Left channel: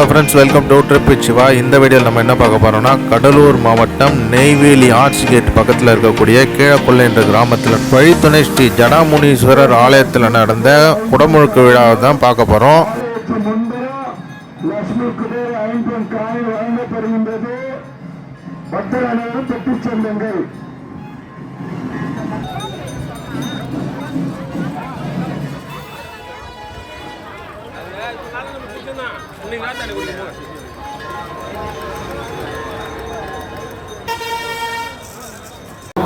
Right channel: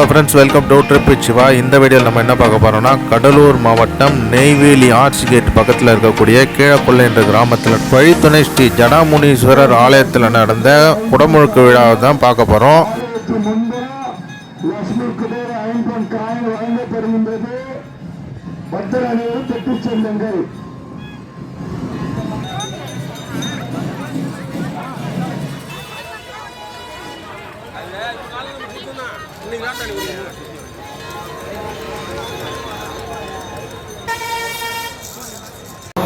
Hello friends welcome to trip Siva இந்த வீடியோவில் நம்ம என்ன பார்க்க போறோம்னா கடலூர் மாவட்டம் நெய்வேலி ஆர்ட்ஸ் கேட் பக்கத்தில் இருக்கக்கூடிய கீழக்கொள்ளை என்ற கிராமத்தில் வழித்துணை ஸ்ரீ ஜடாமுனீஸ்வரர் ஆலயத்தில் நடந்த குடமுழுக்கு விழாவை தான் பார்க்க போகிறோம் பக்தர் அனைவரும்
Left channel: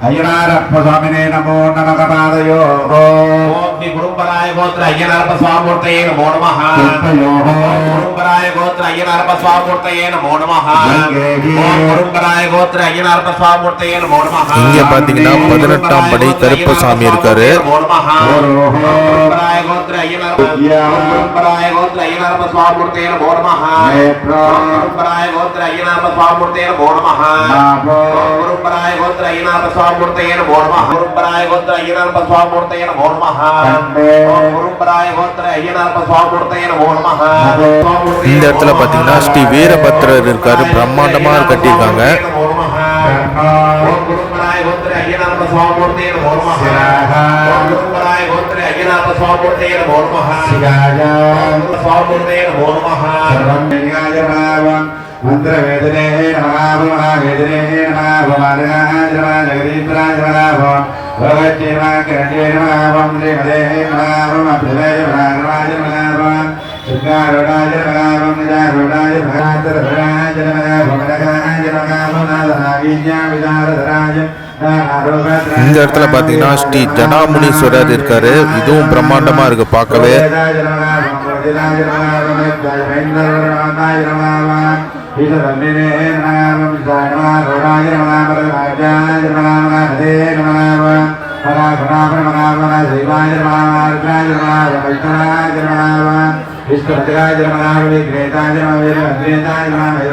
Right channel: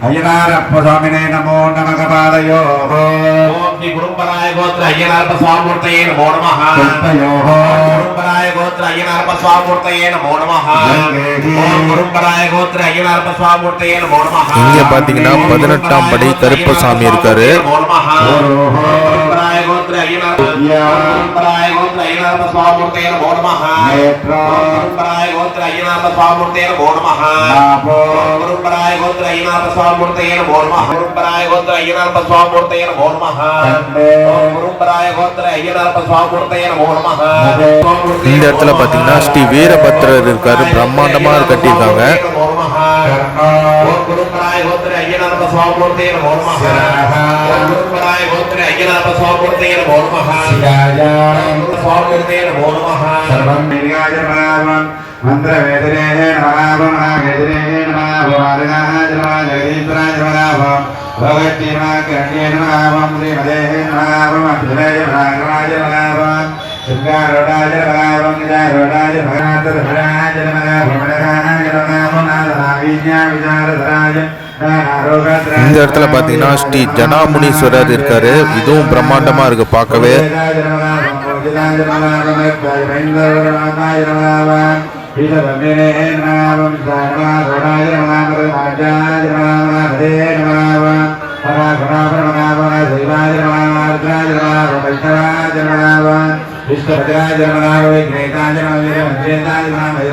അയ്യനാരപ്പസ്വാമിനെ നമോ നമകപാദയോ കുടുംബരായ ഗോത്ര അയ്യനാരപ്പ സ്വാമൂർത്തയെ നമോ നമഃ കുടുംബരായ ഗോത്ര അയ്യനാരപ്പ സ്വാമൂർത്തയെ നമോ നമഃ കുടുംബരായ ഗോത്ര അയ്യനാരപ്പ സ്വാമൂർത്തയെ നമോ നമഃ இங்க பாத்தீங்கன்னா பதினெட்டாம் படி கருப்பசாமி இருக்காரு गोत्र अयनर परंपराय गोत्र अयनर स्वामूर्तेर भो नमः परंपराय गोत्र अयनर स्वामूर्तेर भो नमः परंपराय गोत्र अयनर स्वामूर्तेर भो नमः परंपराय गोत्र अयनर स्वामूर्तेर भो नमः परंपराय गोत्र अयनर स्वामूर्तेर भो नमः இந்த இடத்துல பாத்தீங்கன்னா ஸ்ரீ வீரபத்ரர் இருக்காரு பிரம்மாண்டமா கட்டியிருக்காங்க నమః శివాయ స్వామూర్తయే నమో నమః సర్వం విఘ్నాయ నమావం మంత్రవేదనే నమావ మహావేదనే నమావ మార్గాయ నమః జగదీశ్వరాయ నమః భగవత్యేమ కరణ్యే నమావం శ్రీమదే నమావం అప్రవేయ నమాయ నమావం శృంగారోడాయ இந்த இடத்துல பார்த்தீங்கன்னா ஸ்ரீ ஜடாமுனீஸ்வரர் இருக்காரு. இதுவும் பிரம்மாண்டமா இருக்கு பார்க்கவே. விஷ்ணுபத்ராஜனமாவை கிரேதாஜனமாவை கிரேதாஜனமாவை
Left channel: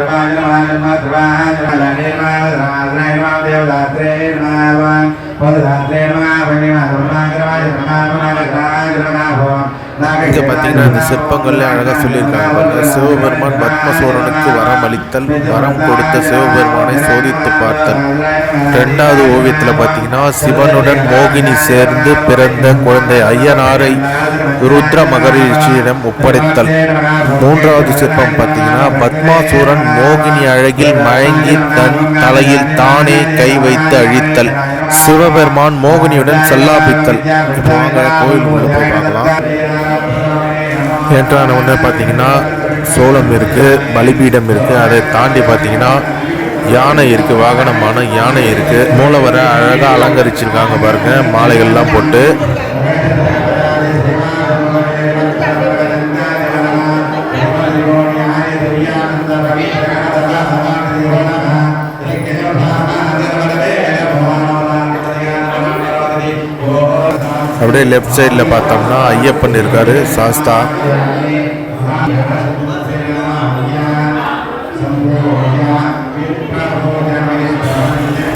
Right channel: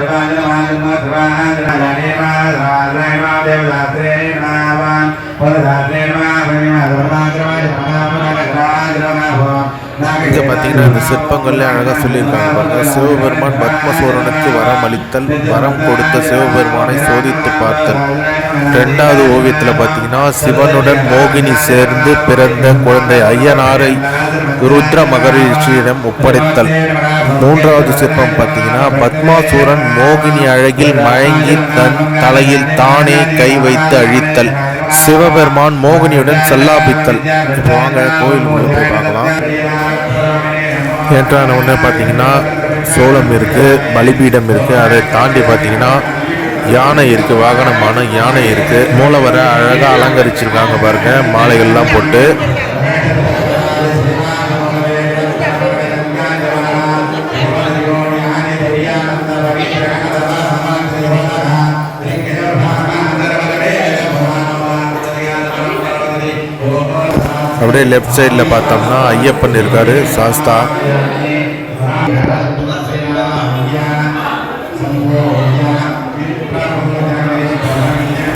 பார்த்தீங்கன்னா இந்த சிற்பங்கள்ல அழகாக சொல்லியிருக்காங்க பாருங்க. சிவபெருமான் பத்மசூரனுக்கு வரம் அளித்தல் வரம் கொடுத்த சிவபெருமானை சோதித்து பார்த்தல். ரெண்டாவது ஓவியத்தில் பார்த்தீங்கன்னா சிவனுடன் மோகினி சேர்ந்து பிறந்த குழந்தை ஐயனாரை ருத்ர மகரிஷியிடம் ஒப்படைத்தல். மூன்றாவது சிற்பம் பார்த்தீங்கன்னா பத்மாசூரன் மோகினி அழகில் மயங்கி தன் தலையில் தானே கை வைத்து அழித்தல். சிவபெருமான் மோகினியுடன் சல்லாபித்தல் இப்போ வாங்க கோயில் உள்ள போய் பார்க்கலாம். என்ட்ரான உடனே பார்த்தீங்கன்னா சோளம் இருக்குது பலிபீடம் இருக்குது அதை தாண்டி பார்த்தீங்கன்னா யானை இருக்குது வாகனமான யானை இருக்குது வர அழகாக அலங்கரிச்சிருக்காங்க பாருங்க மாலைகள்லாம் போட்டு. அப்படியே லெஃப்ட் சைடில் பார்த்தோம்னா ஐயப்பன் இருக்கார் சாஸ்தா.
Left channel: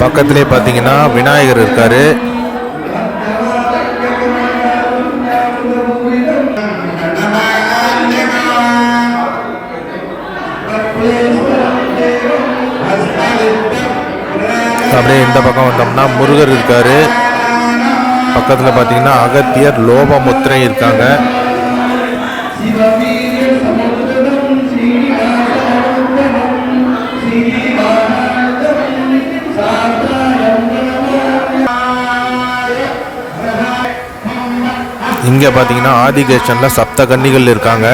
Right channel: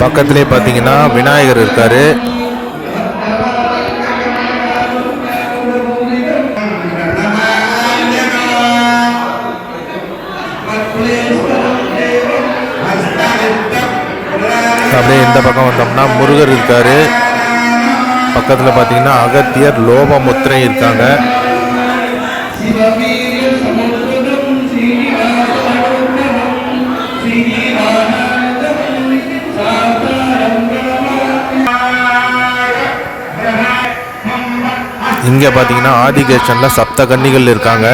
பக்கத்திலே பார்த்தீங்கன்னா விநாயகர் இருக்கார். அப்படியே இந்த பக்கம் வந்தோம்னா முருகர் இருக்காரு. பக்கத்தில் பார்த்தீங்கன்னா அகத்தியர் லோபமுத்திரை இருக்காங்க. இங்கே பார்த்தீங்கன்னா ஆதிகேஷனில் சப்த கன்னிகள் இருக்காங்க.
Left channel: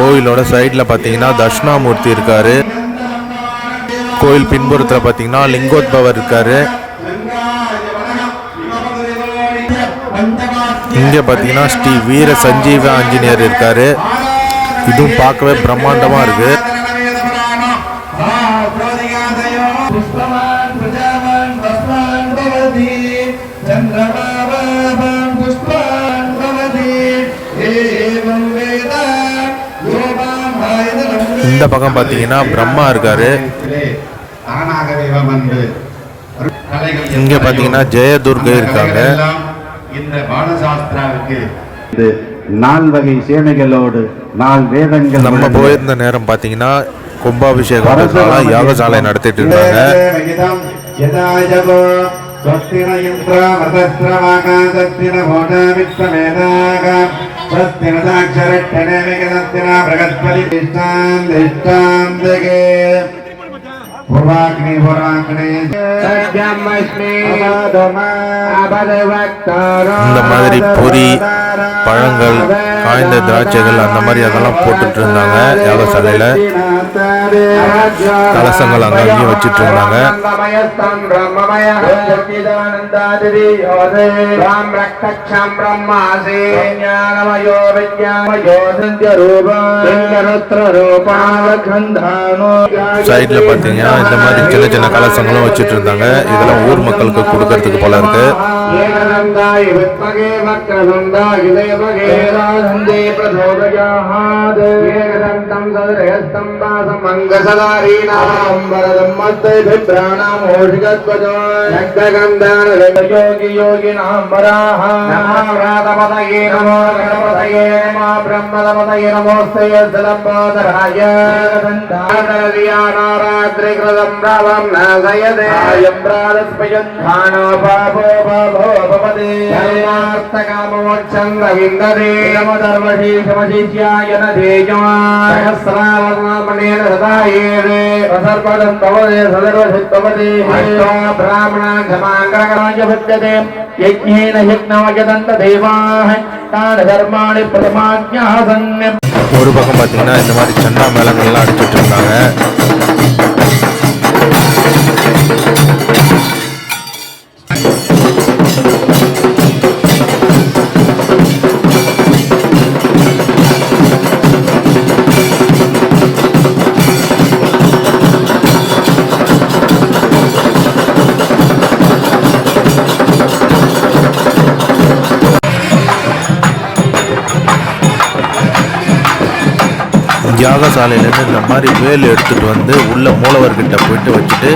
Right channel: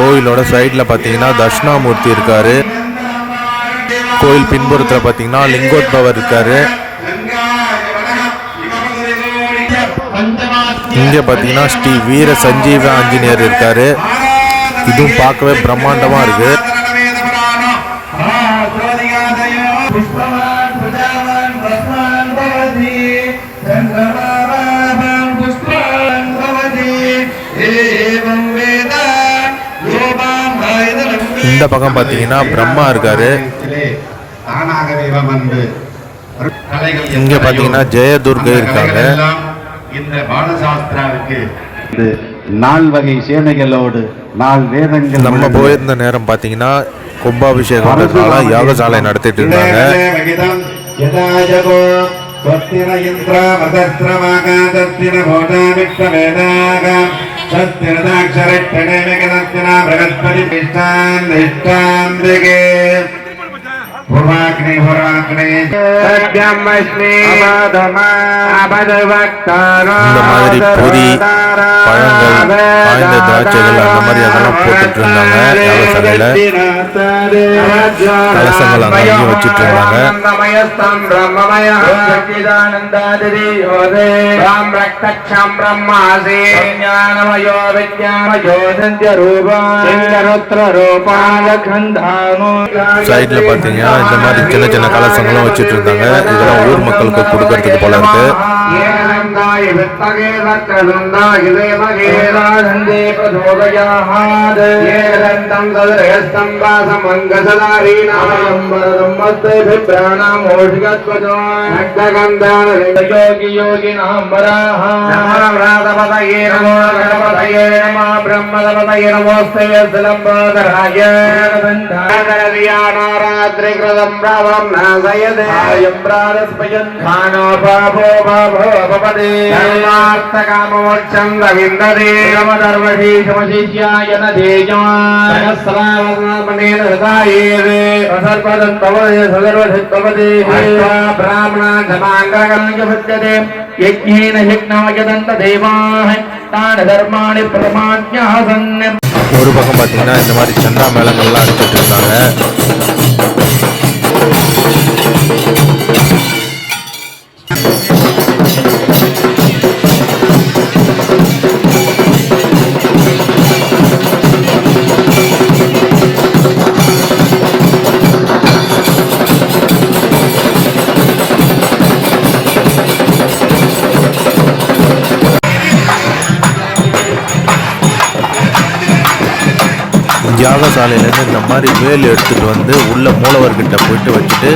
கோயிலோட சைடில் பார்த்தீங்கன்னா தட்சிணாமூர்த்தி இருக்கார். கோயில் பின்புறத்தில் பார்த்தீங்கன்னா லிங்கோத்பவர் இருக்கார். இங்கே பார்த்தீங்கன்னா ஸ்ரீ வீர சஞ்சீவ ஆஞ்சநேயர் இருக்கார். இதுவும் பார்க்கவே பிரம்மாண்டமாக இருக்குது இந்த பக்கம் பார்த்தீங்கன்னா பிரம்மா இருக்காரு இங்க பாத்தீங்கன்னா ஜெயதுர்கை இருக்காங்க. இந்த பாலசாஸ்திராவுக்கு நால் வகை சேனைகளோடு நால் வேதங்கள் நம்ம போயிருந்த நேரம் பார்த்தீங்கன்னா கும்பாபிஷேகம்ன்றதுனால யாகசாலை நடத்திட்டு இருந்தாங்க स्वस्तिरयन्त्रामतस्त्रमाकाशस्तिन भोटावित्तवेदागां स्वस्तिरदाक्षरक्षणे विगदस्तिना बृहस्पतिष्ठान् दिष्टान्तिके பூர்வாக்னி பூர்வாக்னி இந்த மாதிரி பொரி பழங்கள் காய்ந்த திராட்சைகள் அந்த மாதிரி அதெல்லாம் போட்டுட்டு இருந்தாங்க யாகசாலையில கலசங்கள் அங்க அங்கேயும் வச்சிட்டு இருந்தாங்க சைடுல பாத்தீங்கன்னா இந்த மாதிரி சின்ன சின்ன கலசங்களும் வச்சிட்டு இருந்தாங்க. இதெல்லாம் ஊர் மக்களுக்கு கொடுக்கறதுக்கு போல वित्तगे वक्रनन्दा हृदयमगेरानन्दे प्रचोदयाहाद् येनन्दं तदयस्तं वा समङ्गसदाहीनां वरदं मत्तैभिप्राणामोषिकत्वजो योगिनां वराः व्रातपतये नमो गणपतये नमः ब्रह्मदपतये नमोऽस्ते यद्लम्बोदराय नारात्रिकृतं रावं नासयदे अयं प्रातस्पयन् खानो पापो पाप சர்வார்த்தகாமோட்சம் ரவிந்ததே நமதர்வதி சமசிஷ்யாய நதேயமான் சகஸ்ராவர்ணமனேன ஹதாயேவே சர்வதம் பவதே சதர்வசித் பவதே பிராமணான் சமாங்கரகராஜ பத்யதே யஜ்ஞேன யக்னமயதந்த தேவாः தான தர்மாணி பிரமாஜ்ஞாசன் ஒரு பக்கம் பார்த்தீங்கன்னா இந்த மாதிரி சண்டா மேளங்கள்லாம் அடிச்சிட்டு இருந்தாங்க. யாகசாலையிலேருந்து இந்த மாதிரி வேல் எடுத்துட்டு வந்து உள்ள மூலவர்கிட்ட போயிட்டு வச்சுட்டு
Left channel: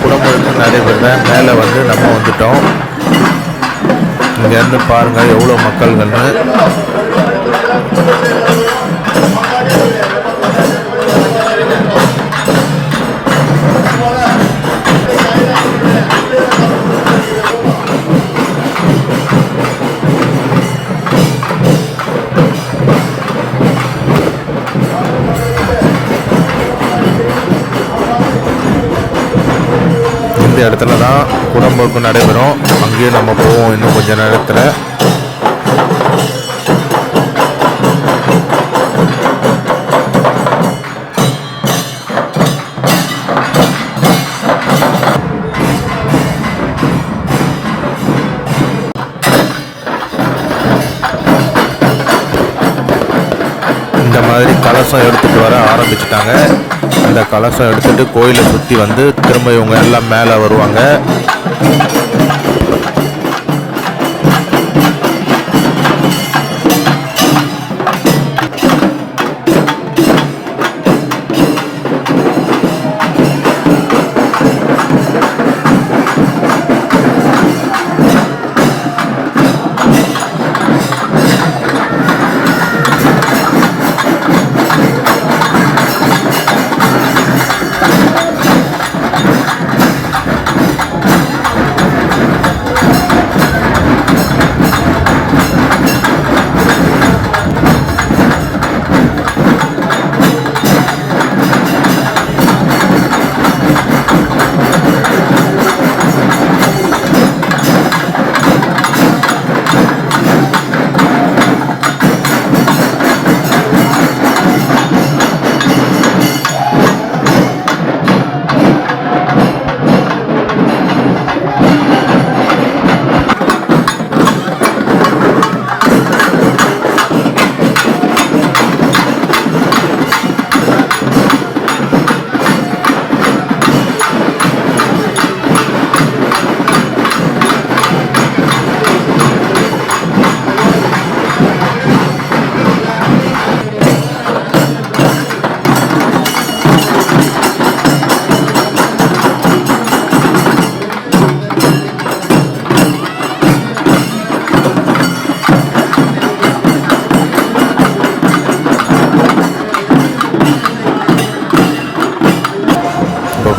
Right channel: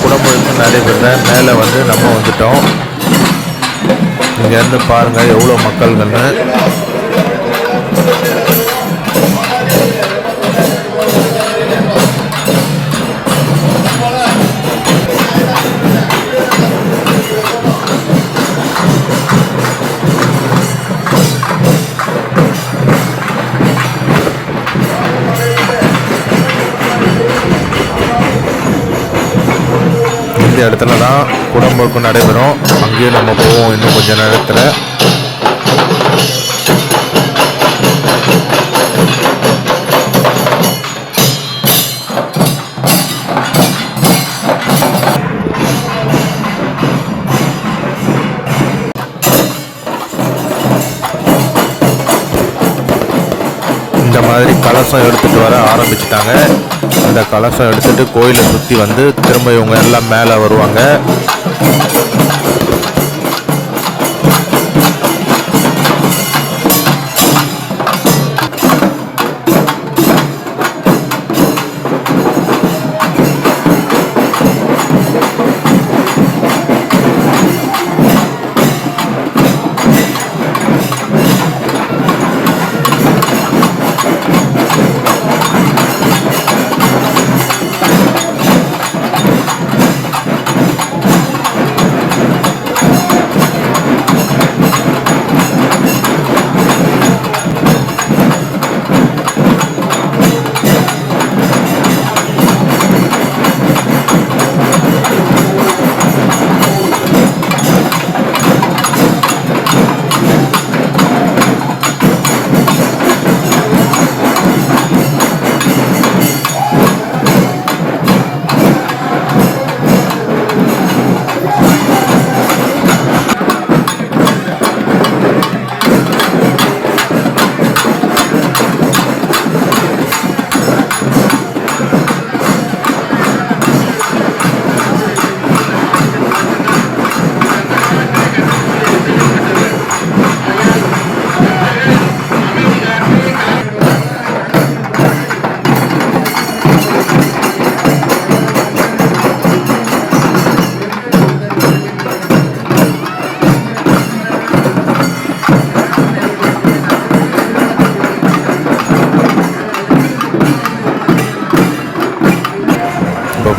குடமுழுக்கு நடைபெற மேலே வந்து நம்ம வந்துட்டோம். இங்கேருந்து பாருங்கள் எவ்வளோ மக்கள்கள்னு. இந்த இடத்துல தான் குடமுழுக்கு நடைபெறும். அங்கேயும் நம்ம போவோம் இன்னும் கொஞ்ச நேரத்தில். இந்த மாதிரி கலசம் எடுத்துகிட்டு வர ஆரம்பிச்சிட்டாங்க. அந்த கலசம் எடுத்துட்டு கோயிலை சுற்றி வந்து திரும்ப இவங்க எல்லாம் மேலே வருவாங்க.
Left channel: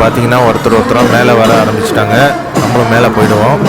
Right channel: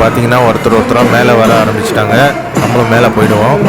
பார்த்தீங்கன்னா ஒருத்தர் ஒருத்தராக மேலே வர ஆரம்பிச்சிட்டாங்க. நம்மளும் மேலே போயிடுவோம்.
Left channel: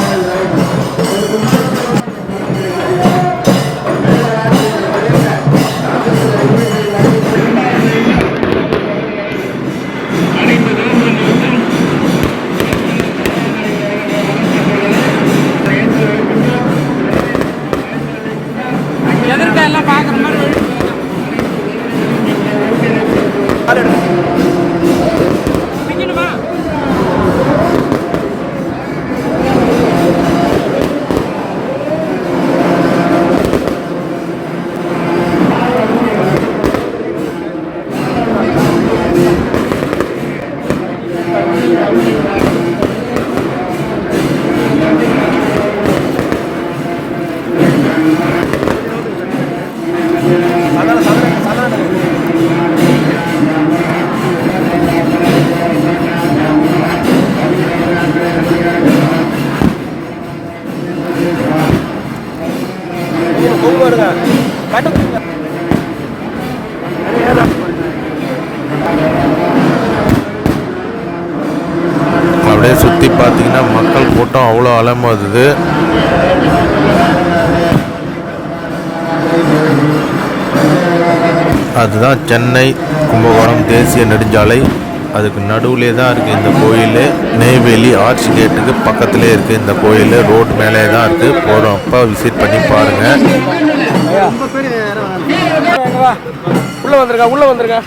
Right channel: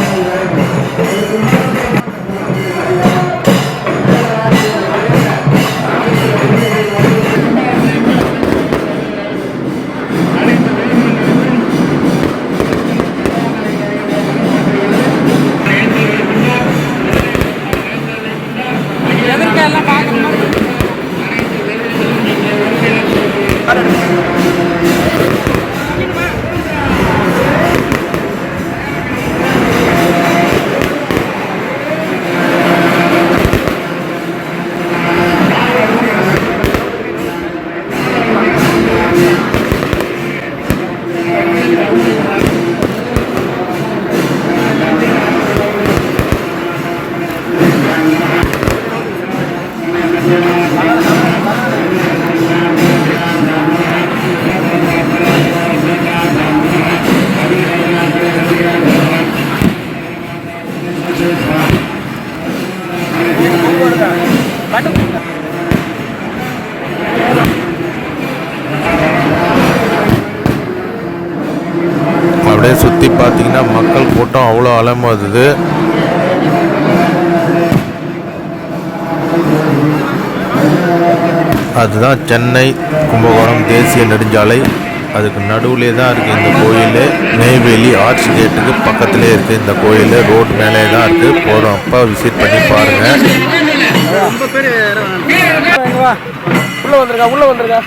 பார்த்தீங்கன்னா மக்கள் கூட்டம் அவ்வளோ அலமோதுது அதுதான் சென்னை கும்பகோணம் தேசிய நெடுஞ்சாலை. அதுக்கு நடுவுலே தான் இருக்குது இந்த கோயில். நெய்வேலி ஆர்ச் கேட்டுக்கு பக்கத்திலே இருக்குது இந்த கோயில். ரோடு மேலே தான் இருக்குது போகிறப்ப விசிட் பண்ணி பாருங்கள் உள்ள வந்திருக்கா உள்ள வந்திருக்கா?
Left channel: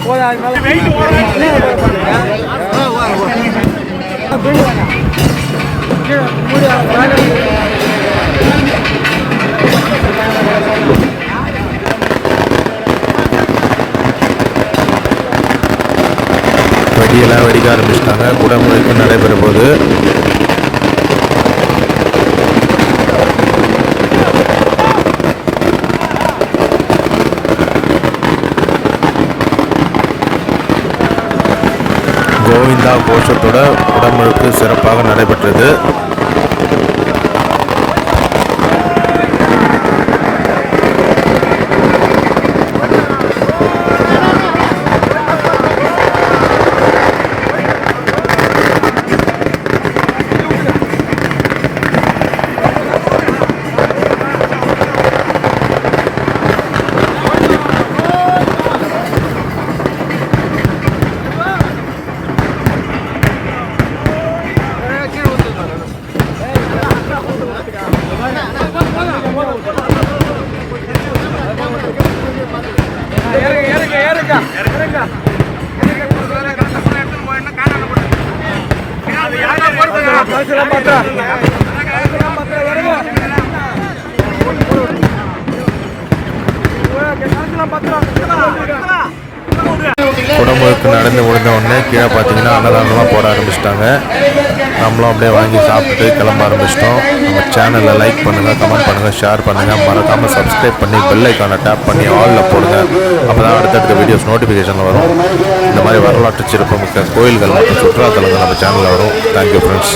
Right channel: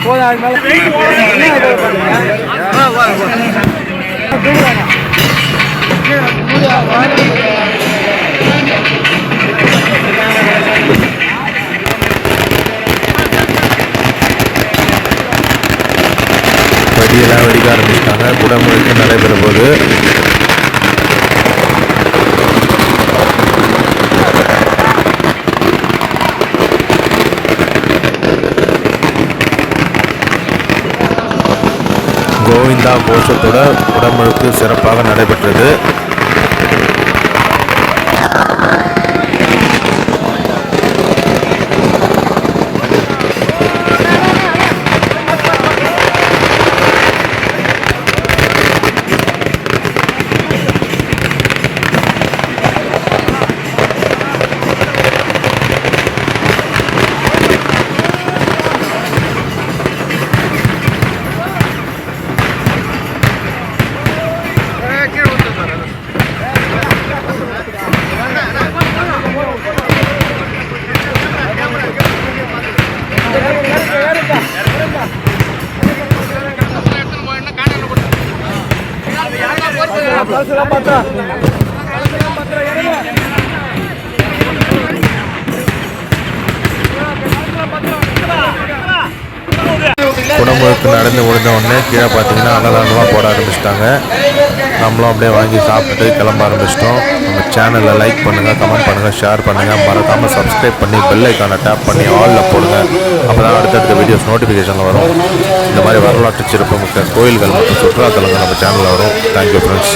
வெடியெல்லாம் வெடிக்க ஆரம்பிச்சிட்டாங்க. குடமுழுக்கு நடைபெற போது கோவிந்தா கோஷத்தோட குடமுழுக்கு சிறப்பாக நடைபெற்றது. கலசலாம் பாத்திரா கலசலாம் பாத்திரா குடமுழுக்கு நடந்து முடிந்த உடனே கீழே பார்த்தீங்கன்னா அன்னதானம்லாம் போட ஆரம்பிச்சிட்டாங்க. நம்மளும் அப்படியே வாங்கி சாப்பிட்டுட்டு கிளம்ப ஆரம்பிச்சிட்டோம். நம்ம சேனலில் லைக் பண்ணுங்கள் கமெண்ட் பண்ணுங்கள் ஷேர் பண்ணுங்கள் மறக்காமல் சப்ஸ்கிரைப் பண்ணி பெல் ஐக்கானை டேப் பண்ணி ஆலில் போடுங்க. அப்போ தான் அடுத்தடுத்த வீடியோஸ் நோட்டிஃபிகேஷனில் வரும். இந்த மாதிரி வரலாற்று சிறப்புமிக்க கோயில்கள் மற்றும் சுற்றுலாத்தலங்கள் நம்ம சேனலில் வரும். Thank you friends